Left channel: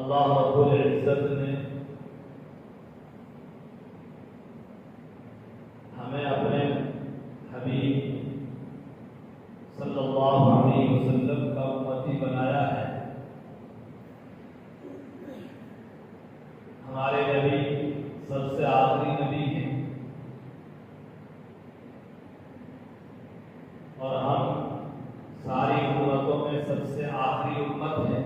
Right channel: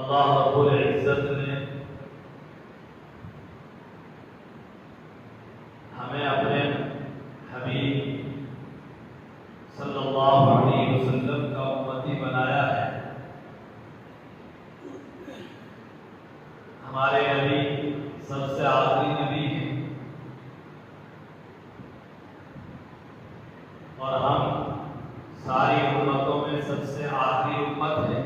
अल्लाह रब्बुल इज्जत ने हमें अपने हबीब सल्लल्लाहु अलैहि वसल्लम का उम्मती बनाया है। हमारे नबी सबसे आखिरी नबी हैं और हम सारी उम्मतों में सबसे आखिरी उम्मत हैं।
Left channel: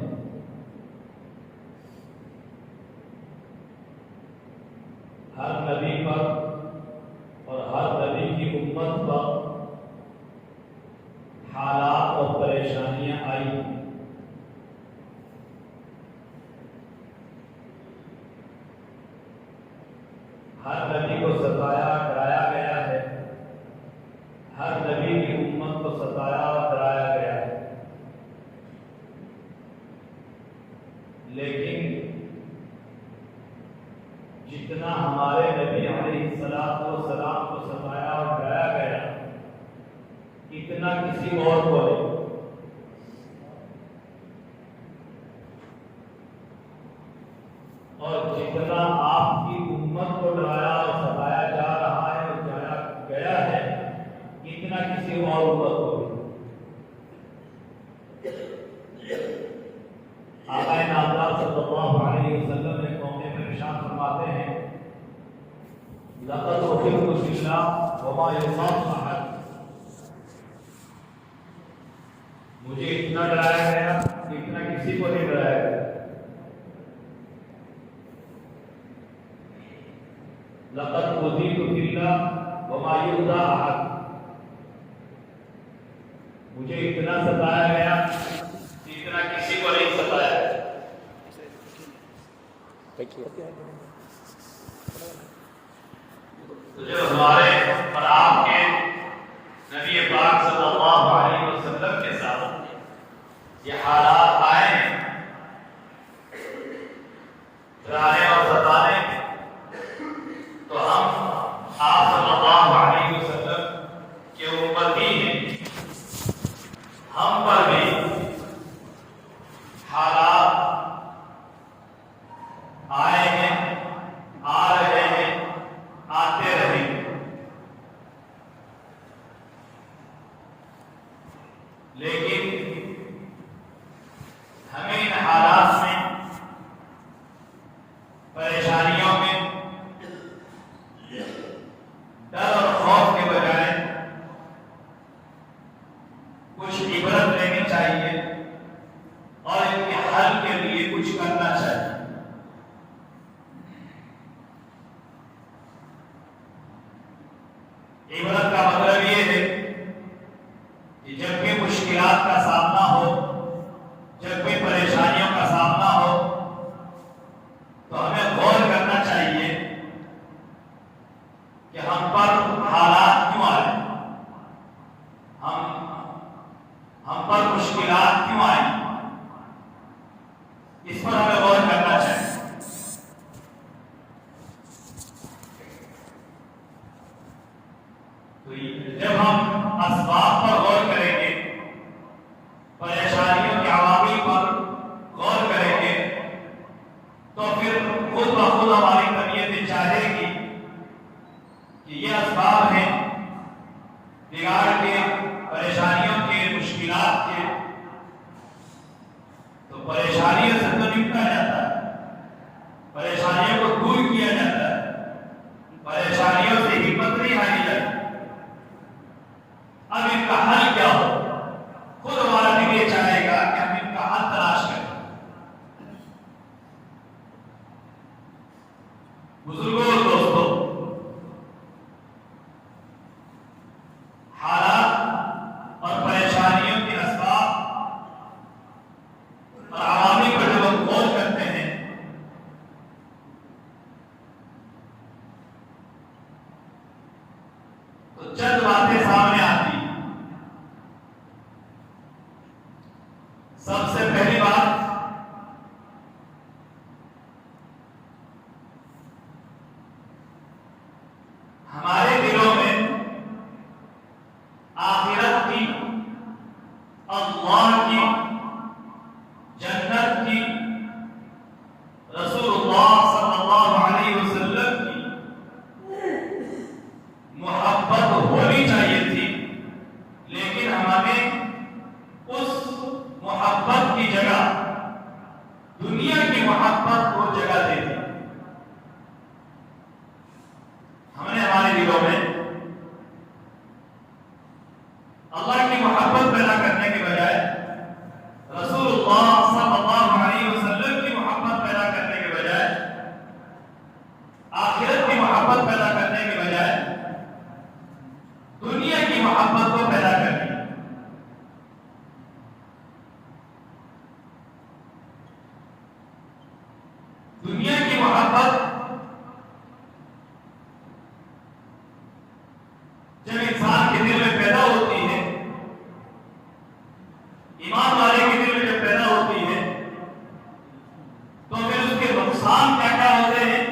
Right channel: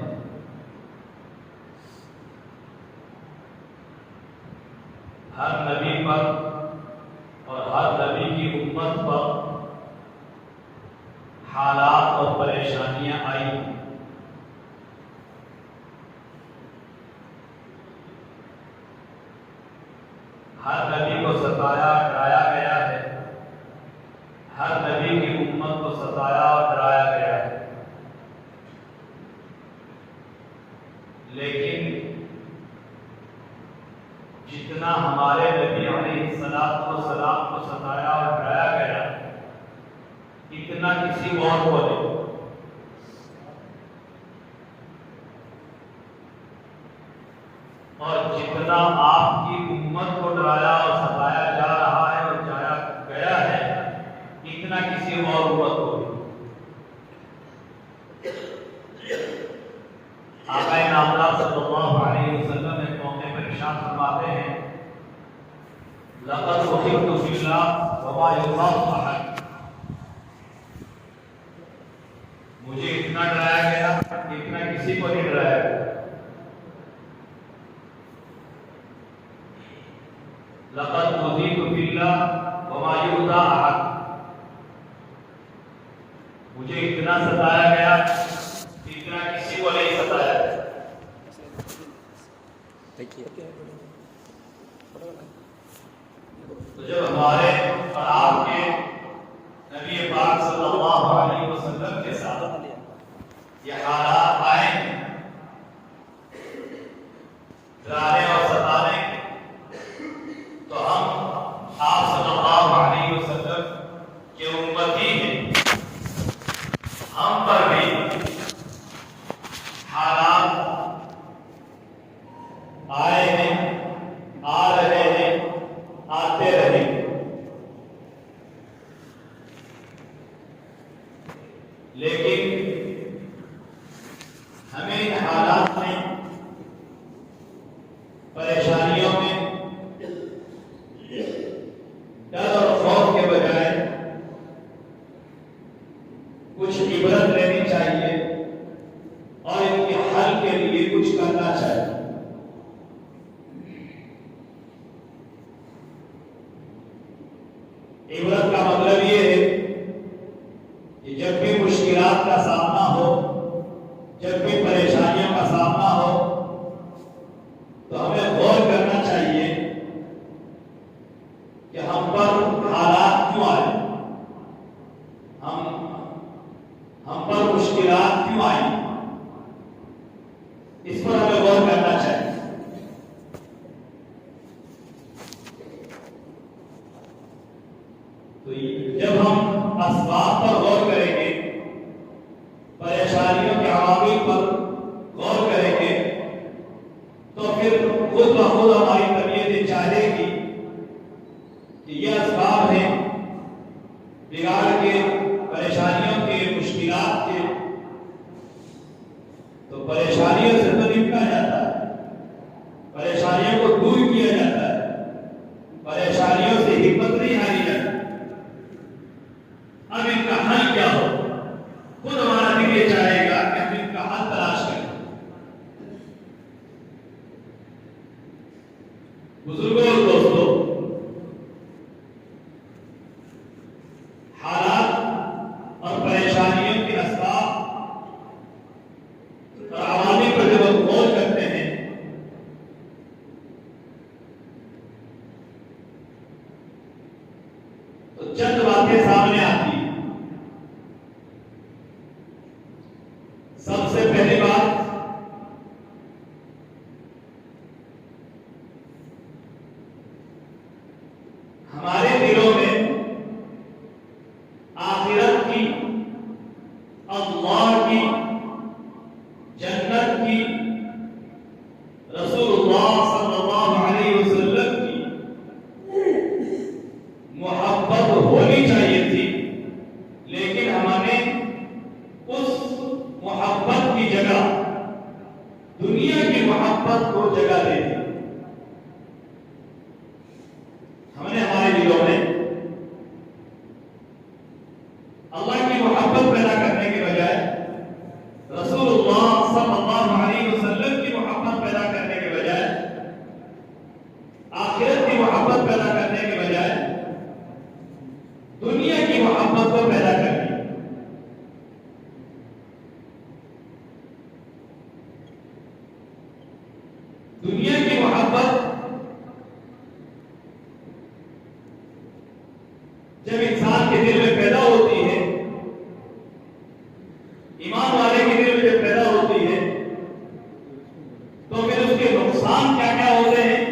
हर नबी पर और हर नबी की उम्मत पर हालात और परेशानियां आई। हर नबी को सताया डराया गया है, हर नबी की उम्मत को सताया और डराया गया है। लेकिन जितना हमारे नबी अलैहिस्सलातु वस्सलाम को सताया और डराया गया, इतना किसी और को नहीं। और जितना आपकी उम्मत को डराया और सताया जा रहा है और जाया गया है, इतना किसी और उम्मत को नहीं। आका नामदार सल्लल्लाहु अलैहि वसल्लम एक मौके पर इरशाद फरमाते हैं, लक़द उहिब्तु फिल्लाह वमा युज़ाक़ु अहद। मुझे इतना डराया गया, इतना किसी को नहीं डराया गया। लक़द उहिब्तु फिल्लाह वमा युज़ाक़ु अहद। मुझे इतना सताया गया, इतना किसी को नहीं सताया। तो जब हमारे और आपके नबी पाक सल्लल्लाहु अलैहि वसल्लम के साथ ये हालात आए, डराने और सताने, तो हम आप सल्लल्लाहु अलैहि वसल्लम के उम्मती हैं। हम पर भी हालात आए हैं, आ रहे हैं, आते रहेंगे। लेकिन हमें इन हालात में तो फिर खुद ब खुद हमारी तबीयत चाहेगी कि ये असबाब हैं बिगाड़ के, परेशानियों के, मुश्किलात के, तो परेशानियों से तो निपटा जाता है, परेशानियों को दूर किया जाता है, परेशानियों से हिम्मत नहीं हारी जाती। अब इनका हल क्या हो, खुद हमारा दिल ये चाहेगा कि हम इनका हल तलाश करें। बुजुर्गों और दोस्तों, हालात और परेशानियों के असबाब और आवामी पर जब हम खोज करते हैं तो चंद बातें सामने आती हैं। सबसे पहली बात, हमारे दिलों में आखिरत की, अल्लाह की, जन्नत की, रसूलुल्लाह सल्लल्लाहु अलैहि वसल्लम की मोहब्बत होनी चाहिए थी, लेकिन हमने उस मोहब्बत की जगह दुनिया की मोहब्बत को जगह दे दी। हमने हमारे दिलों में अल्लाह की मोहब्बत पैदा करने के बजाय रसूलुल्लाह सल्लल्लाहु अलैहि वसल्लम की मोहब्बत पैदा करने के बजाय, आखिरत की मोहब्बत पैदा करने के बजाय दुनिया की मोहब्बत को पैदा कर दिया। दुनिया की मोहब्बत जब इंसान के दिल में पैदा होती है, ईमान वाले के दिल में जब पैदा होती है, तो फिर उसके नुकसान क्या क्या होते हैं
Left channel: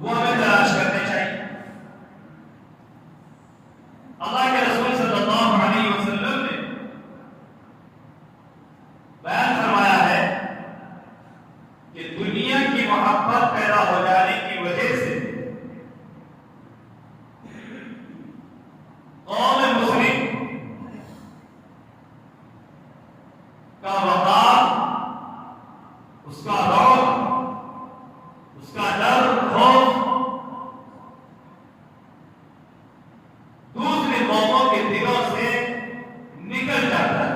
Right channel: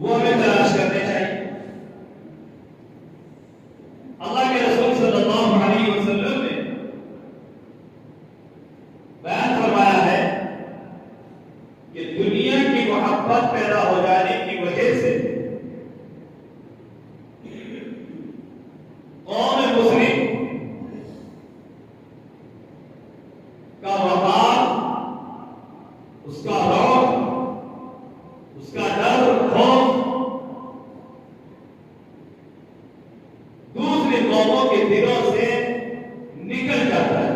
वो हमें तलाश करने चाहिए। अल्लाह के रसूल सल्लल्लाहु अलैहि वसल्लम ने बयान फरमाया है कि दुनिया की मोहब्बत पैदा हो जाने की वजह से कौम मुस्लिम का वकार, उसका रौब, उसका डर, खौफ दूसरे कौमों के दिलों से निकल जाता है।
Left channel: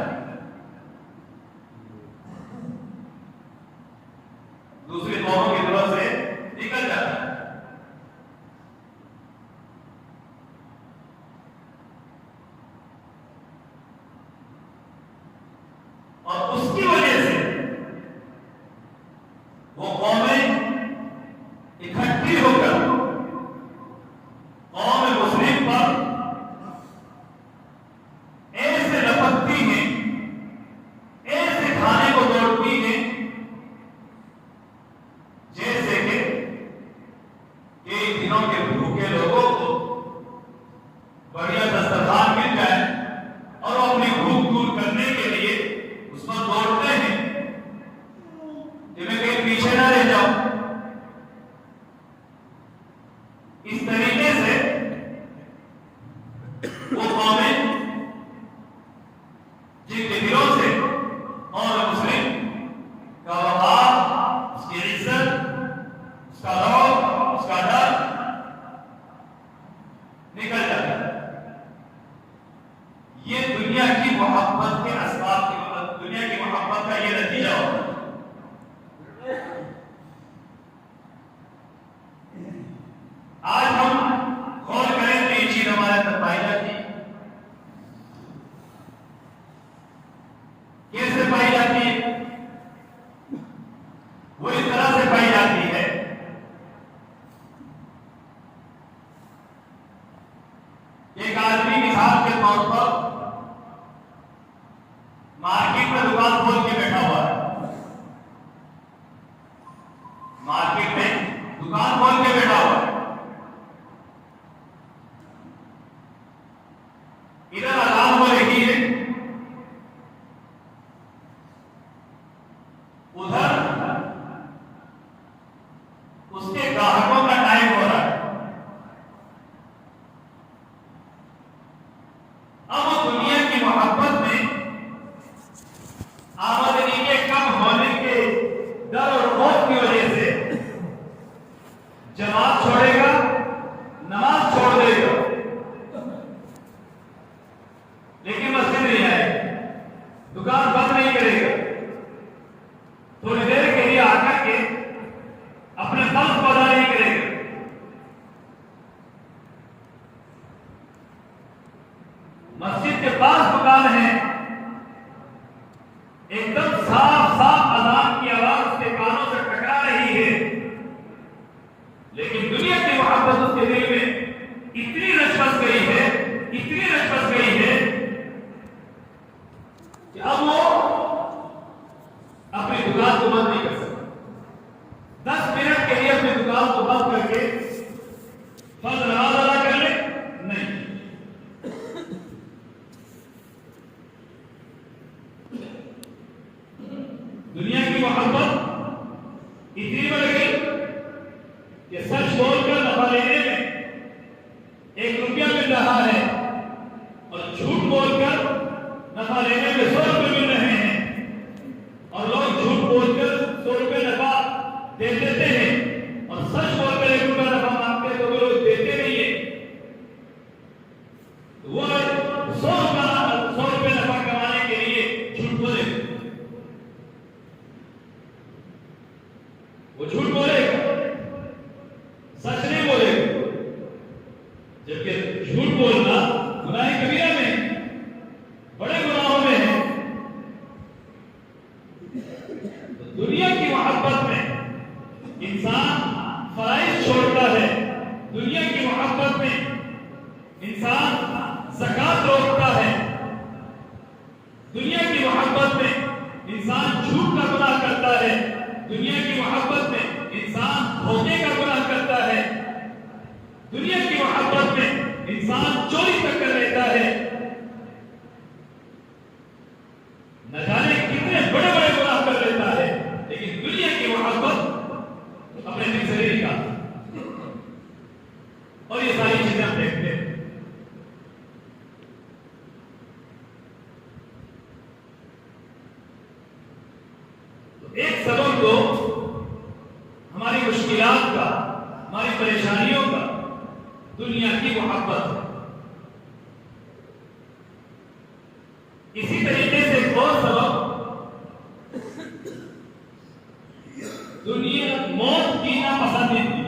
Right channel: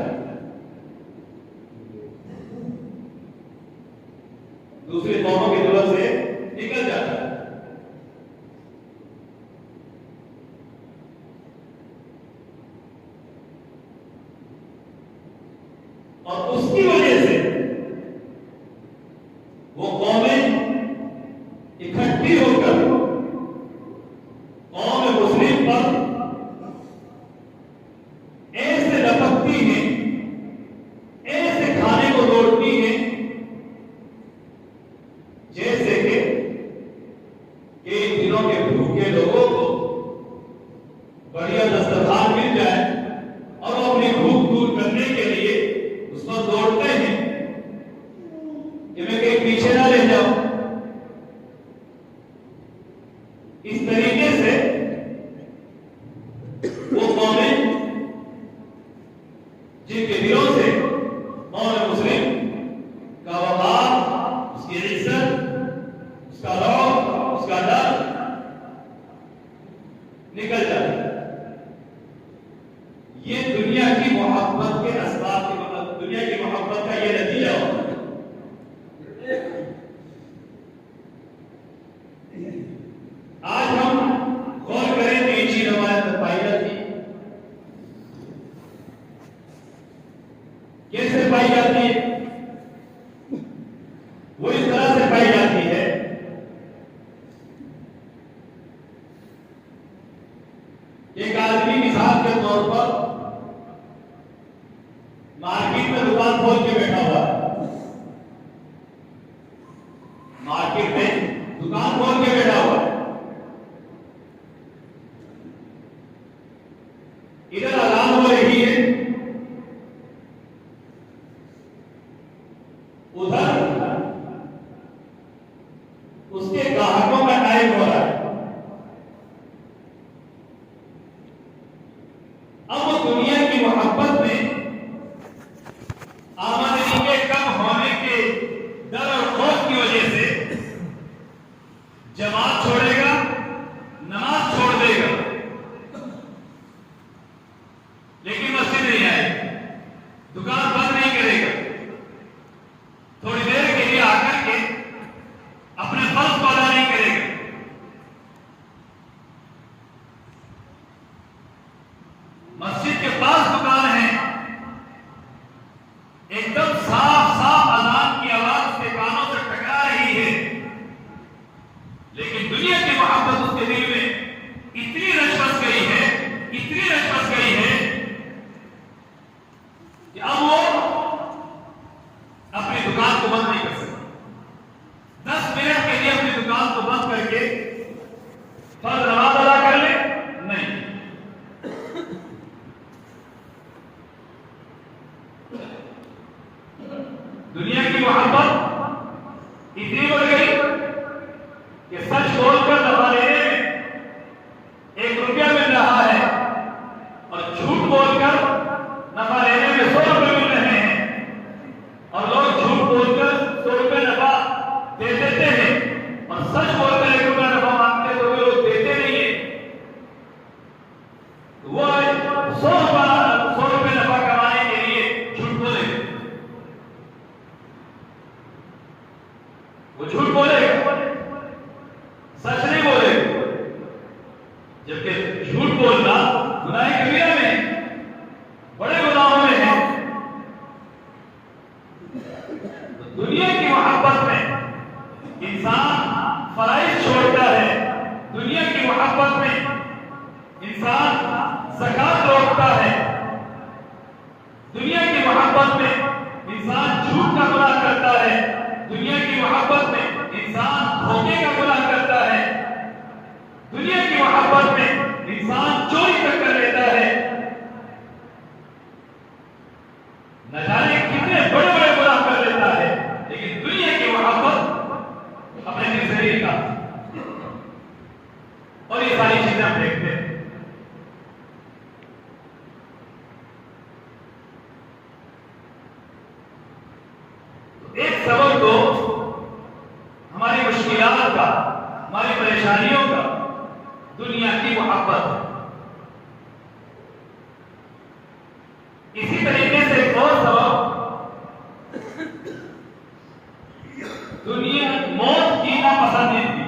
दूसरे कौमों के दिलों से निकल जाता है। और उसकी वजह से वो कौमें इकट्ठी होकर कौम मुस्लिम पर ऐसे लपकती हैं, ऐसे खाने को तोड़ती हैं जैसे कि इन दिनों के भूखे लोगों को बढ़िया दस्तरखान मिल जाए और वो अपनी भूख दूर करने के लिए उस पर दौड़ते हैं कि मैं कहीं पीछे ना रह जाऊं। इस तरीके से वो कौमें जिनके दिलों से कौम मुस्लिम का वफार, उसकी इज्जत, उसका रौब, उसका डर निकल जाता है। ये दुनिया की मोहब्बत के असबाब की, दुनिया की मोहब्बत का ये नतीजा होता है। आज हम गौर करें तो ये चीज हमारे अंदर पाई जाती है। कैसे पाई जाती है? वो इस तरह से पाई जाती है, एक आदमी मिसाल के तौर पर मार्केट में दुकान खोल के बैठा हुआ है, मार्केट में दुकान खोल के बैठा हुआ है, इधर अलान हो रही है उधर उसके ग्राहकों का टाइम हो रहा है। अब वो दुनिया की मोहब्बत में आमदनी के कम होने के डर और खौफ की वजह से जमात छोड़ेगा, नमाज छोड़ देगा, लेकिन मस्जिद नहीं आएगा, दुकान बंद नहीं करेगा। थोड़ी देर के लिए आकर के अपने फर्ज को अदा नहीं करेगा। मस्जिद के पास दुकान है, एकदम साफ साफ अजान की आवाज उसके कानों से टकरा रही है, लेकिन दुनिया की मोहब्बत उसके दिल में इतनी रच बस गई है, इतनी रच बस गई है कि अब वो अपनी दुकान को बंद नहीं कर सकता। 10 मिनट के लिए अपनी दुकान को बंद करके फर्ज नमाज अदा कर ले, नहीं। दुनिया की मोहब्बत इतनी बढ़ गई कि सच बोलकर नफा लेने में 1 रुपया मिल रहा है और झूठ बोलकर नफा लेने में 100 रुपये मिल रहे हैं, और लोग झूठ बोलकर 100 रुपये नफा दे देते हैं और सच बोलकर 1 रुपया नफा मांगते तो वे लोग देते नहीं है। वो 100 रुपये नफा कमाने के लिए झूठ बोले, वो झूठ बोलेगा, सच नहीं बोलेगा। जबकि झूठ बोलना गुनाह कबीरा में, बड़े गुनाहों में है। तो दुनिया की मोहब्बत में इंसान फराइज छोड़ता है, दुनिया की मोहब्बत में इंसान ज़कात रोकता है, दुनिया की मोहब्बत में इंसान झूठ का गुनाह करता है, दुनिया की मोहब्बत में इंसान धोखे का गुनाह करता है, दुनिया की मोहब्बत में इंसान चोरी तक कर लेता है। न जाने कितने बड़े बड़े गुनाह कर लेता है, लेकिन दुनिया की मोहब्बत अपने दिल से नहीं निकालता। और ये सारी चीजें हम देखते हैं। एक सबब तो हमारी मुश्किलात का, हमारी परेशानियों का दुनिया की मोहब्बत है। इसी तरीके से एक और सबब दुनिया मौत की नापसंदीदगी,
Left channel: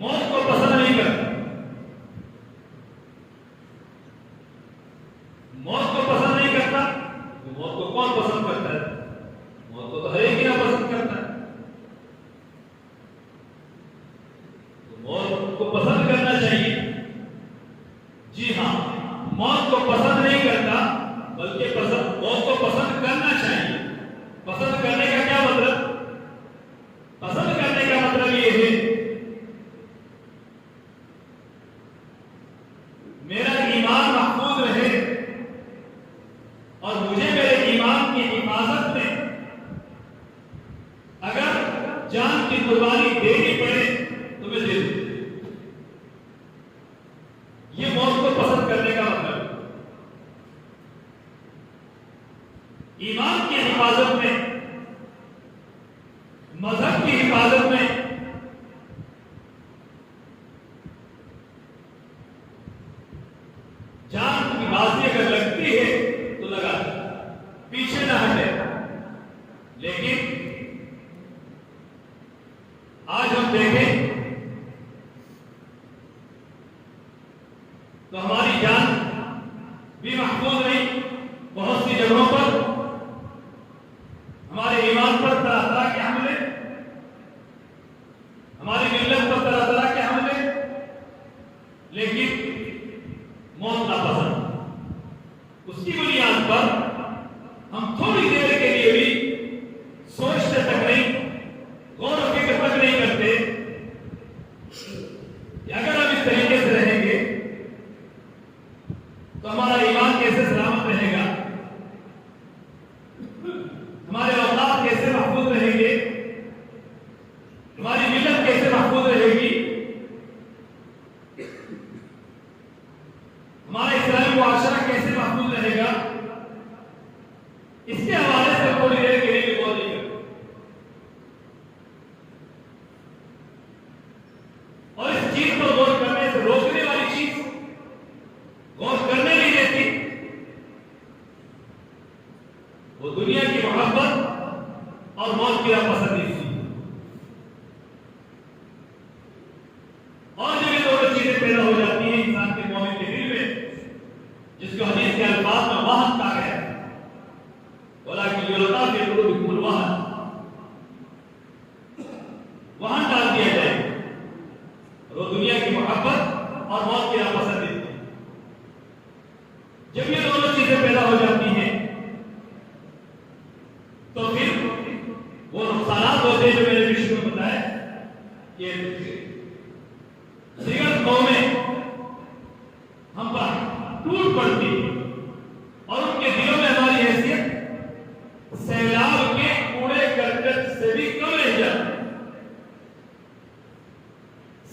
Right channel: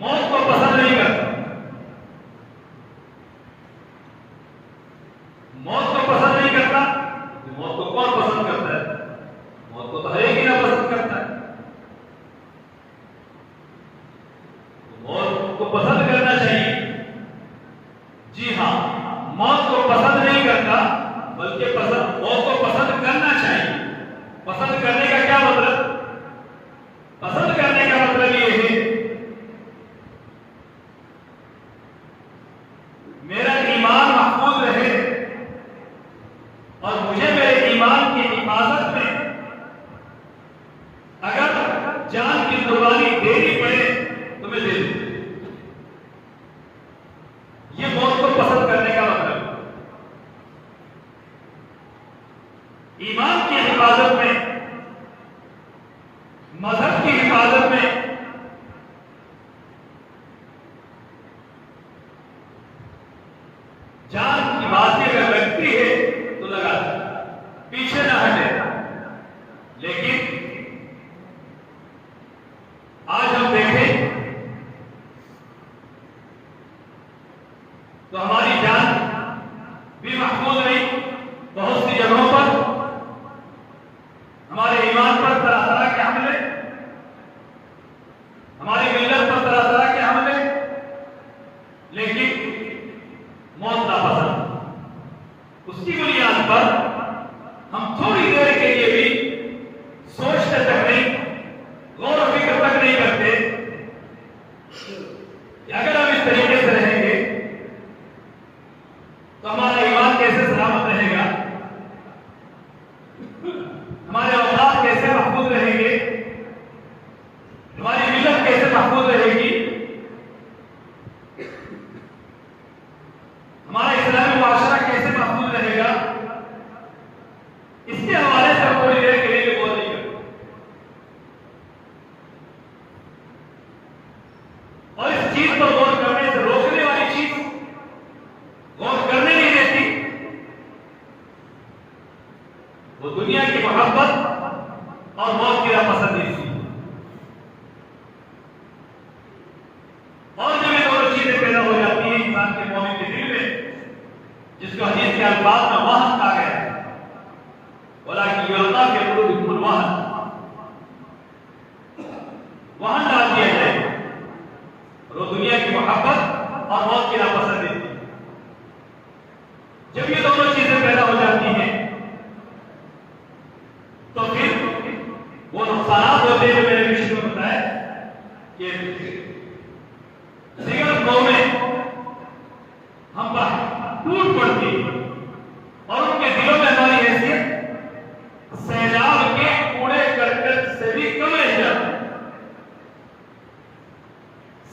मौत को पसंद नहीं करता। मौत को पसंद नहीं करता तो मौत को कौन पसंद करता है? मौत को तो हर एक ही ना पसंद करता है। तो मौत को पसंद करना चाहिए। जी हाँ, मौत को पसंद नहीं करता, बल्कि मौत को पसंद करना चाहिए। पसंद करने का क्या मतलब? पसंद करने का मतलब ये है मेरा ईमान महफूज रहे और मुझे मेरे ईमान की हिफाजत में अगर जान की कुर्बानी देनी पड़े तो मैं दे दूं। ये मौत को पसंद करने का मतलब। ईमान की हिफाजत में, मजहब की हिफाजत में जान की बाजी अगर लगती है तो लगा दे, पीछे न हटे। लेकिन आज हम देखें तो हमारी जान भी महफूज नहीं। बहुत सी जगहों पर हमारे ईमान पर तरह तरह के हमले, हमारी मिल्लत पर तरह तरह के हमले, लेकिन मौत नापसंद। उसकी बुनियाद पर हम थोड़ी देर के लिए भी इसके हवाले से हम थोड़ी देर के लिए भी गौर नहीं करते और इस चीज पर गौर करने से रोकने वाली चीज गौर करने नहीं देती, वो दुनिया की मोहब्बत और मौत की नापसंदीदा। और जब ये दोनों चीजें पैदा हो जाती हैं इंसान के मोमिन के दिल में, जिसको हदीस के अल्फाज में वहन कहा गया है, बोला कि युल्का के कुलूबिकुम वहन, वहन डाल दिया जाए और वो दुनिया की मोहब्बत और मौत की नापसंदीदा। जब ये दोनों चीजें पैदा हो जाती हैं तो फिर वो नुकसानात होते हैं जो मैंने विषय में बताया कि जिगर कौमें हम पर टूट पड़ती और उनके दिलों में हमारी हैसियत सैलाब के कूड़े करकट से भी कम रह जाती,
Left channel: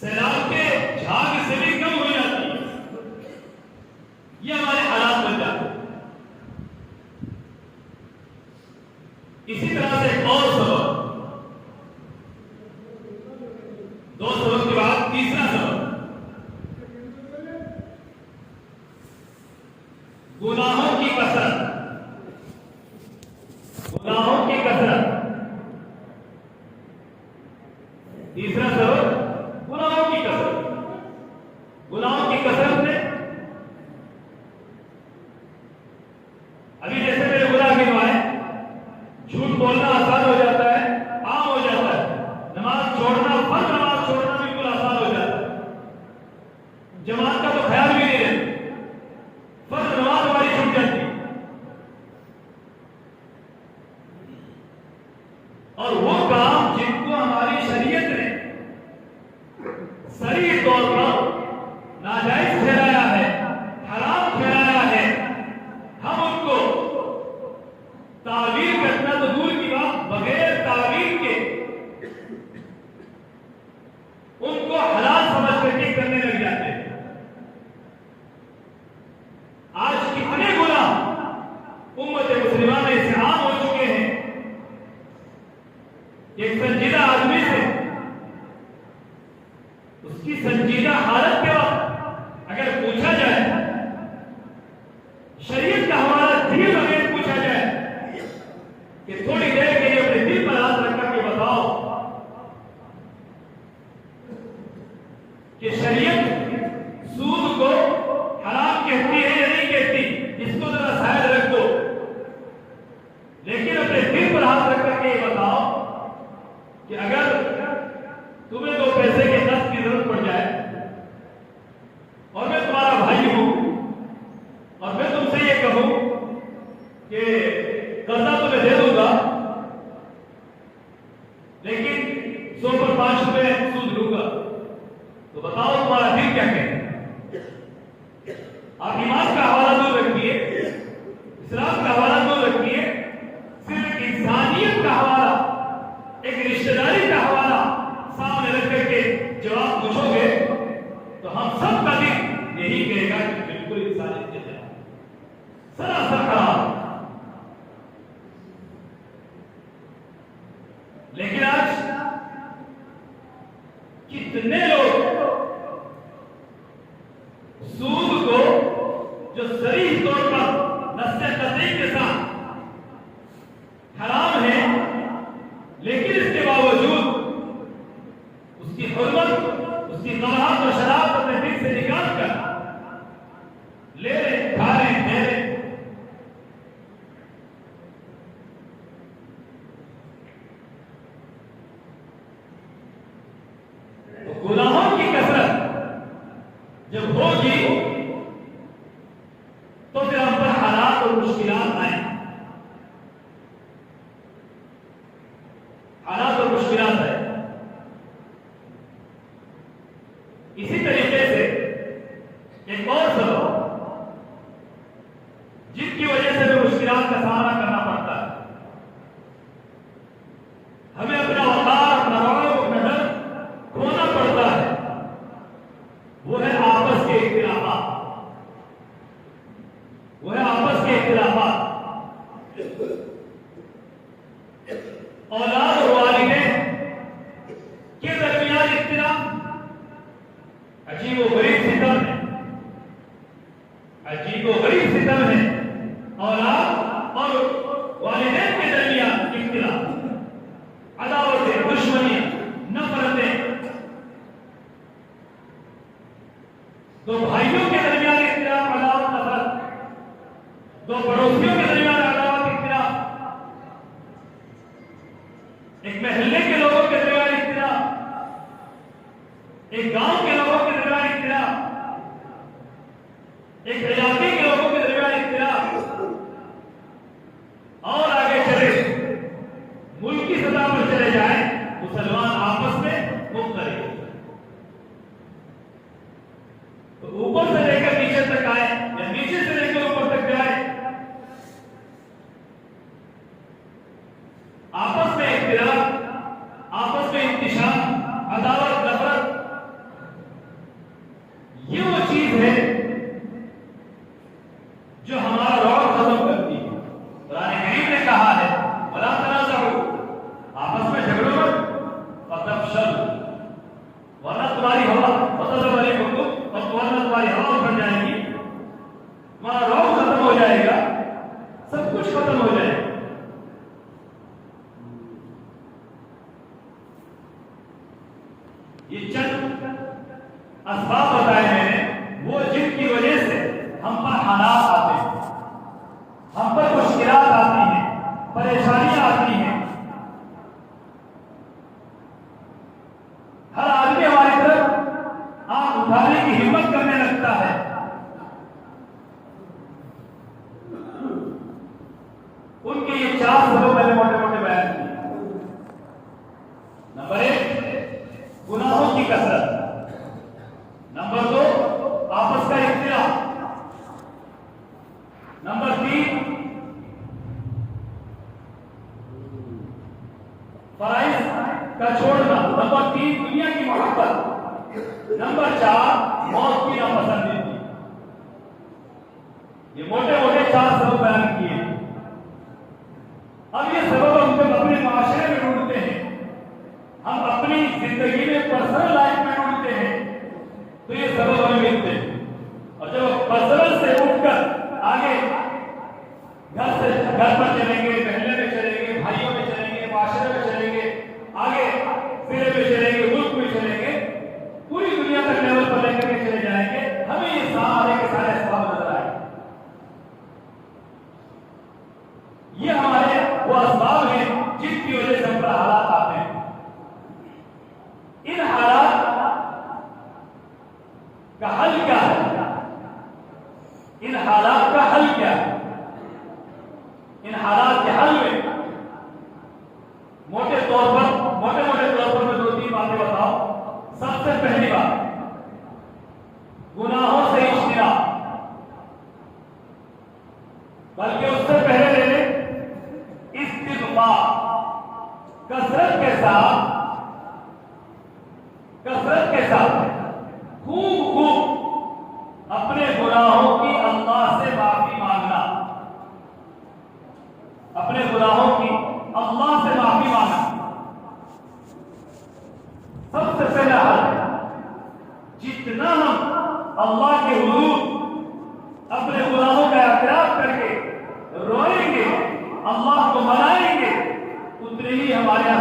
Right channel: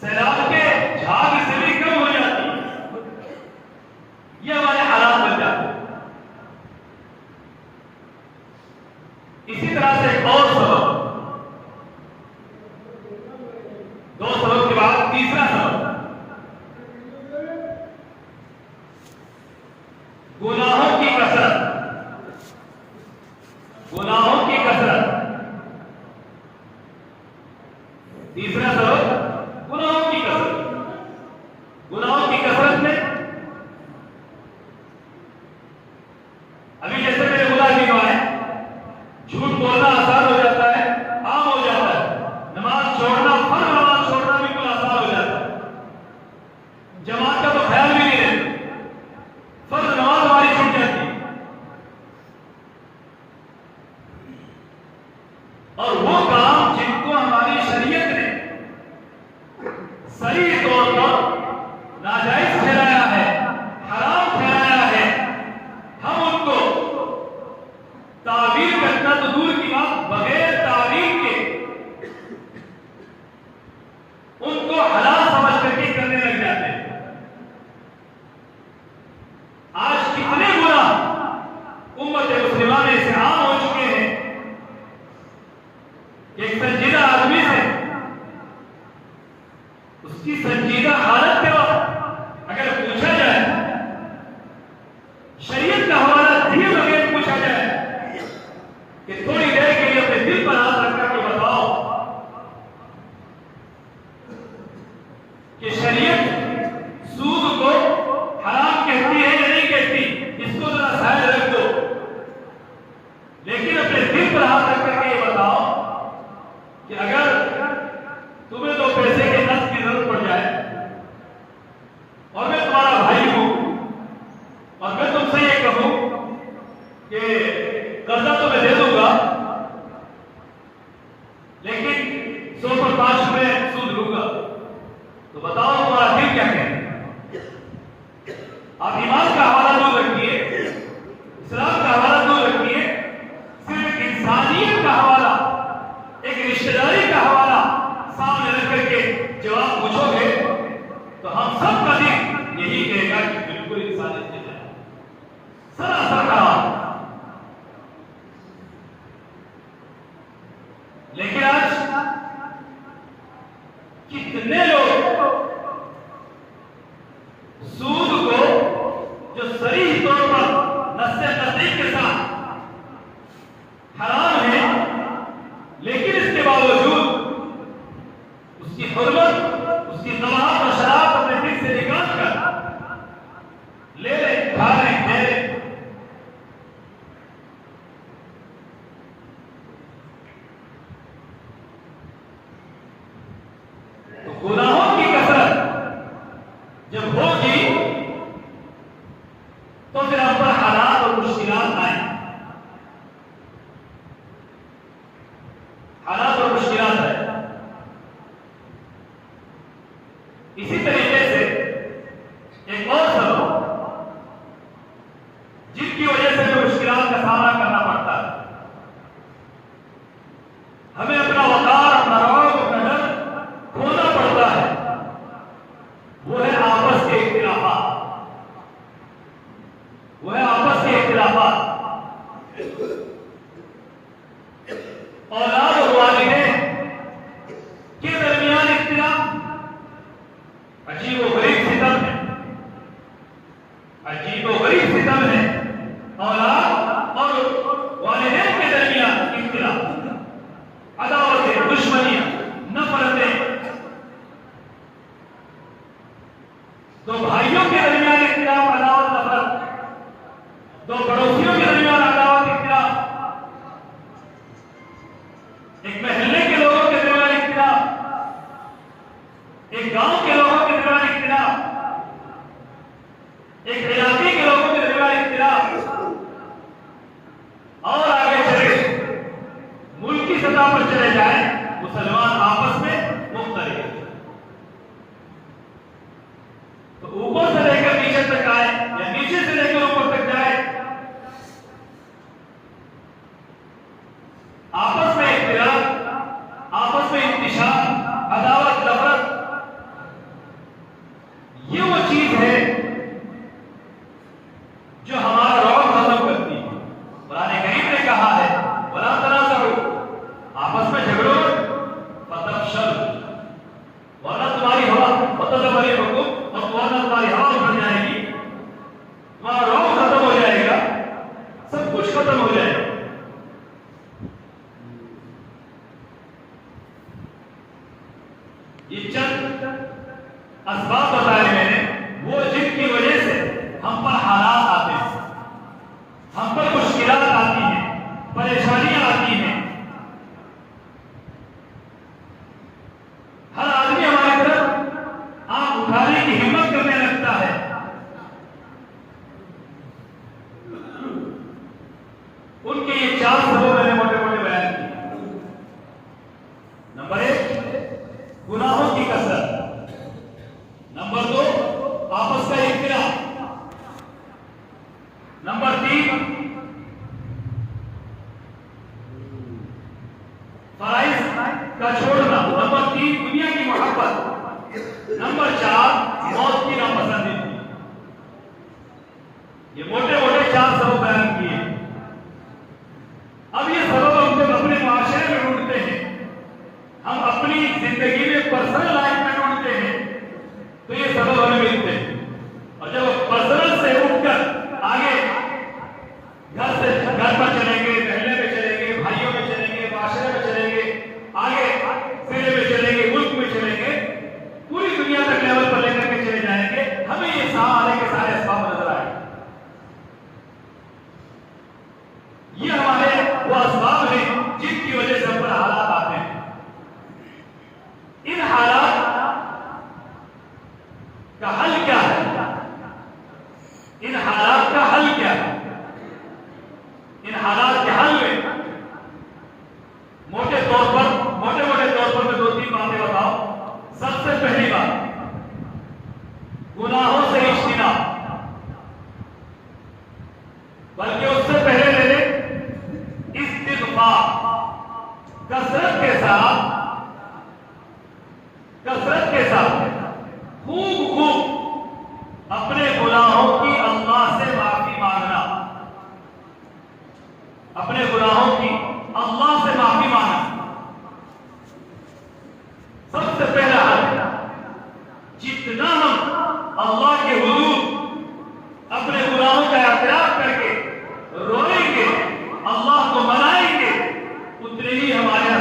सैलाब के झाग से भी कम हो जाती। ये हमारे हालात बन जाते। इसी तरह से एक और सबब, दो सबब के बाद तीसरा सबब, गुनाहों की कसरत। गुनाहों की कसरत, तीसरा सबब गुनाहों की कसरत। गुनाहों की कसरत में अभी जैसे मैंने बोला कि झूठ बोलना आसान हो जाता है, आम हो जाता है। नमाज छोड़ना, फर्ज नमाज छोड़ना बिल्कुल आसान हो जाता है। जमात का तो ख्याल भी नहीं रहता, फर्ज नमाज हमारी छूट जाती है। और वो काम जिनको हमारी शरीयत ने सही तौर पर नाजायज ठहराया है, हराम ठहराया है, हम उनको तावील करना तो दूर की बात, बगैर तावील के उनको हलाल समझ करके करने लग जाते हैं। आज कितने गुनाह उम्मत मुस्लिमा में से आम हो चुके हैं। एक संजीदा आदमी से उसकी संजीदा हालत के वक्त अगर पूछा जाए, शरीयत का हवाला दिए बगैर पूछा जाए कि थोड़ी देर के लिए अपने दिल पर हाथ रख करके बताओ कि शरीयत सूद को हराम कहती है या नहीं कहती, इसको जरा साइड रख दो, लेकिन अपने दिल पर हाथ रख करके ये बताओ कि अगर तुम्हें 2 पैसे के नफ्स की जरूरत पड़ जाए और मैं तुम्हारा भाई हूं और मैं तुमसे ये कहूं कि कर्जा तो मैं दे दूंगा, लेकिन 100 पर 5 रुपए सूद लूंगा, तो बताओ तुम्हारा दिल क्या कहता है? आप ईमान का हवाला दूर रखिए, इस्लाम का हवाला दूर रखिए, सिर्फ इंसानियत का हवाला, एक रिश्तेदारी का हवाला सामने रख करके जवाब पूछोगे तो हम सब का दिल यही कहेगा कि बिल्कुल इंसानियत के तरह सरासर खराब। लेकिन आज कितने लोग सूद को जो सही तौर पर नस्से तस्दीक के साथ हराम है, लेकिन इसके बावजूद उसकी हुर्मत, उसकी तबाहत और शराब अपने दिल से निकाल कर ले रहे, खा रहे, दे रहे। तो गुनाह औलाद और वालिदैन के दरमियान इख्तिलाफ अजीबोगरीब सितम है, अजीबोगरीब सितम है। औलाद और वालिदैन के दरमियान इख्तिलाफ, अदावतें, दुश्मनियां, नफरतें, दो भाइयों के दरमियान इख्तिलाफ, अदावत, नफरत, दो पड़ोसियों के दरमियान अदावत, इख्तिलाफ, एक महल्ले के लोगों के दरमियान इख्तिलाफ, एक गांव के लोगों के दरमियान इख्तिलाफ, एक इलाके के लोगों के दरमियान इख्तिलाफ, और आगे चले मुल्क की सतह पर चले जाए, मुसलमान आपस में मुख्तलिफ, तो ऊपर से लेकर नीचे तक आए या नीचे से लेकर ऊपर तक जाए, आपस में इख्तिलाफ, आपस में इंतिशार, अदावत, नफरत, ये वो चीज है जो हमारा रौब खत्म करती है। कुरान करीम ने कहा है वला तनाज़अू, आपस में झगड़ो मत, फतफशल, वरना तुम्हारी हवा फतज़हब रिहुकुम, और वरना तुम्हारी हवा उखड़ जाएगी, तुम्हारा रौब खत्म हो जाएगा, सब कुछ खत्म हो जाएगा। ये चंद असबाब बताए मैंने, वो जिनकी वजह से हम पर हालात आते हैं, हम पर मुश्किलात आती हैं, परेशानियां आती हैं। हर आदमी हमारी तरफ आंख उठाने की हिम्मत करने लगता है। उनके ये 4 सबब मैंने मोटे मोटे बयान किए। नंबर 1, गुनाहों की कसरत। नंबर 2, आपस का इख्तिलाफ। नंबर 3, फराइज का छोड़ना। नंबर 3, दुनिया की मोहब्बत। नंबर 4, मौत की नापसंदीदगी। ये मोटे मोटे 4 सबब बयान किए। अब ये सबब हम जब अपने माशरे में ढूंढते हैं, हम अपनी जिंदगी में पर्सनल लाइफ में ढूंढते हैं, तो ये सबब हमें मिलते हैं। और जब पर्सनल से उठकर आगे घर पर चलेंगे, महल्ले में चलेंगे, भाइयों में चलेंगे, माशरे में चलेंगे, आगे जिले में चलेंगे, मुल्क में चलेंगे, पूरी दुनिया तक लेवल पर लेकर के चले जाएंगे, हमें ये सारे के सारे असबाब नजर आएंगे। ये हमारे वो असबाब हैं जिनकी वजह से हम पर हालात आते हैं। इन हालात का हल क्या है? इन हालात का हल क्या है? इन हालात के हल में मोटे मोटे तौर पर मैं 2-3 बातें बताऊं। सबसे पहली बात, गुनाहों से इज्तिनाब, बल्कि उससे पहले ले लें इस्तिग़फ़ार। कसरत के साथ खूब अपने गुनाहों की अल्लाह से माफी मांगना, अपने गुनाहों की अल्लाह से माफी मांगना सबसे पहला हल। जितना हम अल्लाह के हुजूर अपने गुनाहों का इक़रार करके रोएंगे, अल्लाह को मनाएंगे, उतनी ही हमारे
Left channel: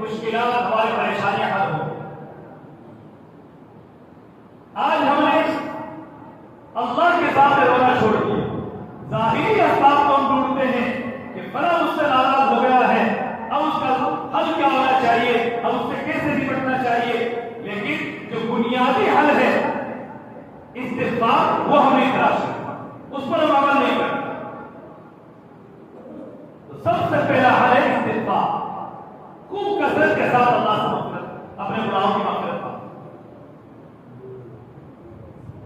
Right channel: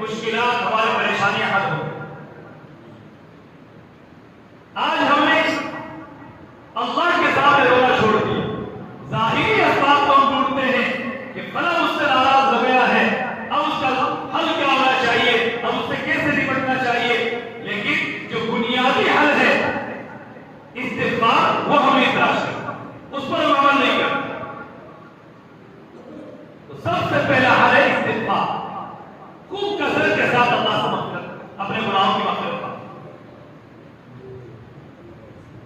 मुश्किलात, हमारी परेशानियां हल होंगी। आज हमने अल्लाह के सामने रोना छोड़ दिया। ज़ाहिरी असबाब को हम ढूंढते हैं कि फला उससे नाराज हो गया है, अब उसका हल क्या होना चाहिए, अब उससे कैसे निपटना चाहिए, लेकिन जो बुनियादी हल है इस्तिग़फ़ार, वो हमें तलाश करना, उस पर हम अमल नहीं करते। तो सबसे पहला हल है इस्तिग़फ़ार। खूब कसरत के साथ अल्लाह से मग़फ़िरत, अपने गुनाहों की मग़फ़िरत।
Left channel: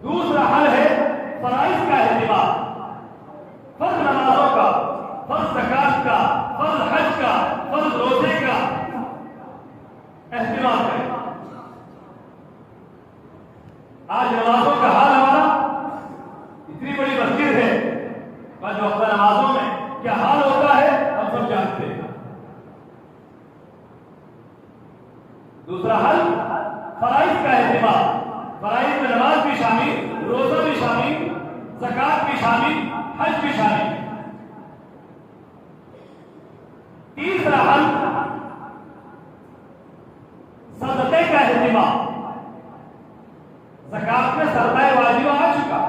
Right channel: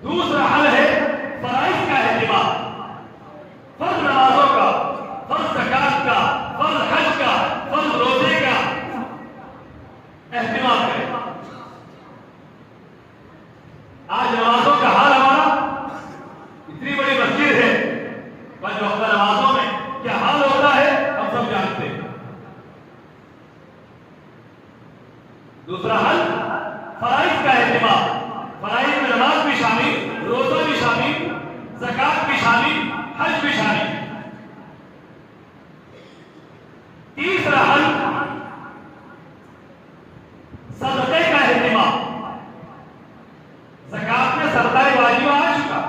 दूसरा हल है फराइज़ का एहतिमाम, फर्ज़ नमाज़ों का, फर्ज़ ज़कात का, फर्ज़ हज का, फर्ज़ रोज़े का एहतिमाम करें। आज नमाज़ों का हाल हमारा, इतनी बड़ी मस्जिद है, 5 वक्त नमाज़ों में क्या हाल हो दूसरा हल फराइज का एहतिमाम, फराइज में नमाज भी शामिल, रोजा भी शामिल, ज़कात भी शामिल, हज भी शामिल। तीसरा हल सदक़े का एहतिमाम। ज़कात में सरदाए वाजिब आ चुका,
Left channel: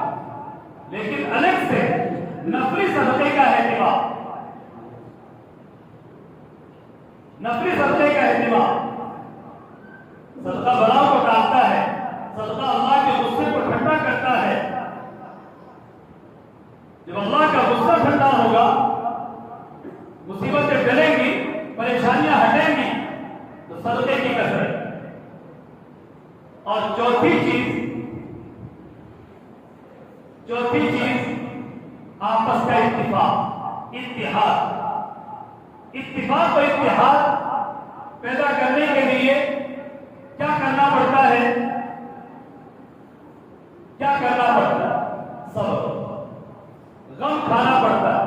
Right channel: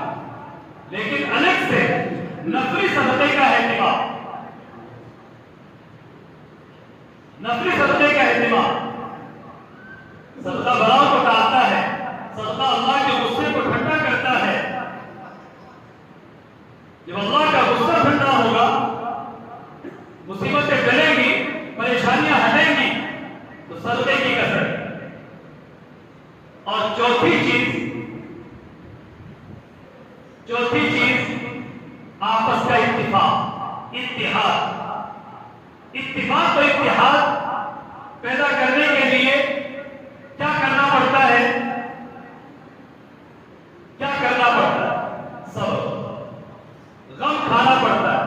लेकिन अलग से नफली सदक़े का एहतिमाम, नफली सदक़े का एहतिमाम। सदका बलाओं को टालता है, सदका अल्लाह के गुस्से को ठंडा करता है। जब अल्लाह का गुस्सा ठंडा होगा, मुसीबतें टलेंगी, परेशानियां हटेंगी, तो सदके की कसर। और चौथी चीज आपस का इत्तिफाक, इत्तिहाद। इत्तिफाक और इत्तिहाद पैदा करने के लिए क्या करना पड़ता है? क्या करना पड़ता है? सब्र, गम खाना पड़ता है,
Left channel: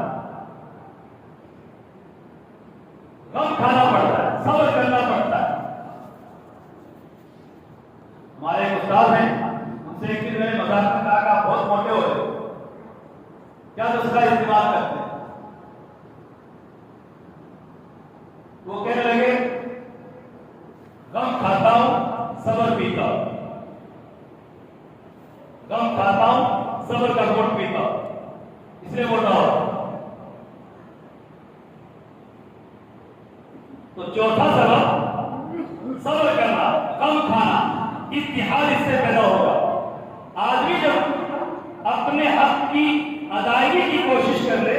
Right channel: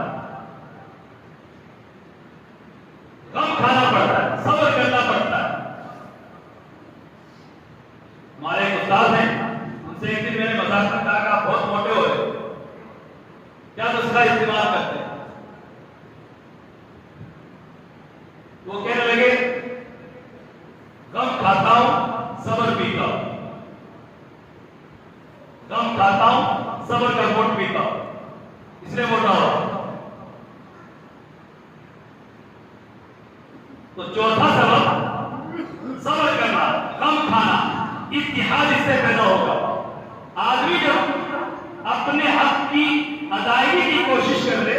गम खाना पड़ता है, सब्र करना पड़ता है। हमारे एक उस्ताद हैं, उनसे एक दिन मैंने मजाक में कहा आप बहुत मोटे हो रहे, क्या नुस्खा इस्तेमाल करते हैं? वो कहने लगे गम खाता हूं, सब्र पीता हूं, गम खाता हूं, सब्र का घूंट पीता हूं, इसलिए मोटा हो। तो चौथा सबब सब्र करना, गम खाना, इत्तिहाद इससे पैदा होगा। आदमी जब अपने हक की अदायगी की कोशिश कर ले,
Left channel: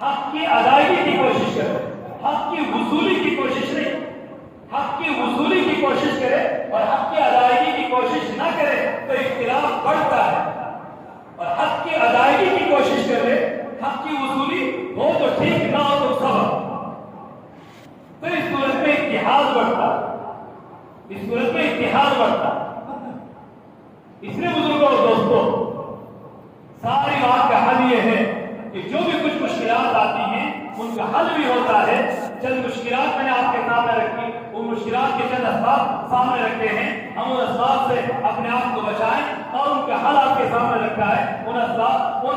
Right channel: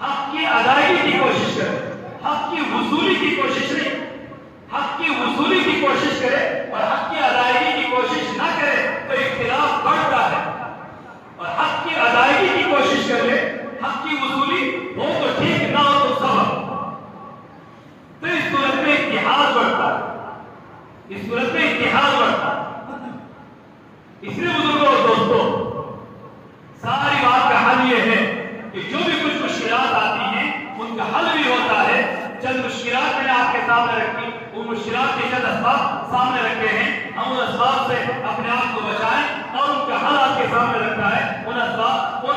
हक की अदायगी की कोशिश करे, हक की वसूली की कोशिश नहीं, हक की वसूली की कोशिश करे और हक की अदायगी की कोशिश ना करे तो इख्तिलाफ बढ़ता है। और हक की अदायगी की कोशिश कर ले, हक की वसूली हो तो ठीक, ना हो तो सबब, तो इस सूरत में इत्तिहाद बढ़ता है, इस सूरत में इत्तिहाद बढ़ता है। इसलिए बुजुर्गों और दोस्तों, सारी बात का हल यह है कि जो भी कुछ मुश्किलात आती हैं उनका हल भी होता है। चंद मुश्किलात मैंने आपके सामने रखी, वो मुश्किलात के चंद असबाब सामने रखे हैं, हम उन असबाब से अपने आप को बचाएं और उनका हल आपके सामने रखा है। उन असबाब, उन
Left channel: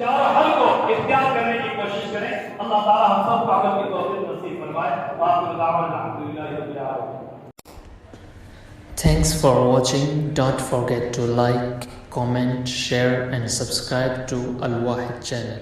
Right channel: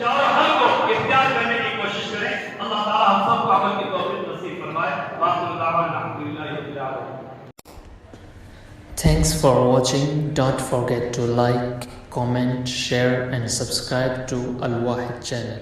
चारों हल को इख्तियार करने की कोशिश करें। अल्लाह ताला हम सबको अमल की तौफीक नसीब फरमाए। अल्हम्दुलिल्लाह रब्बिल आलमीन। Thanks for watching. Don't forget to like, comment, share and subscribe to Al Wahid channel.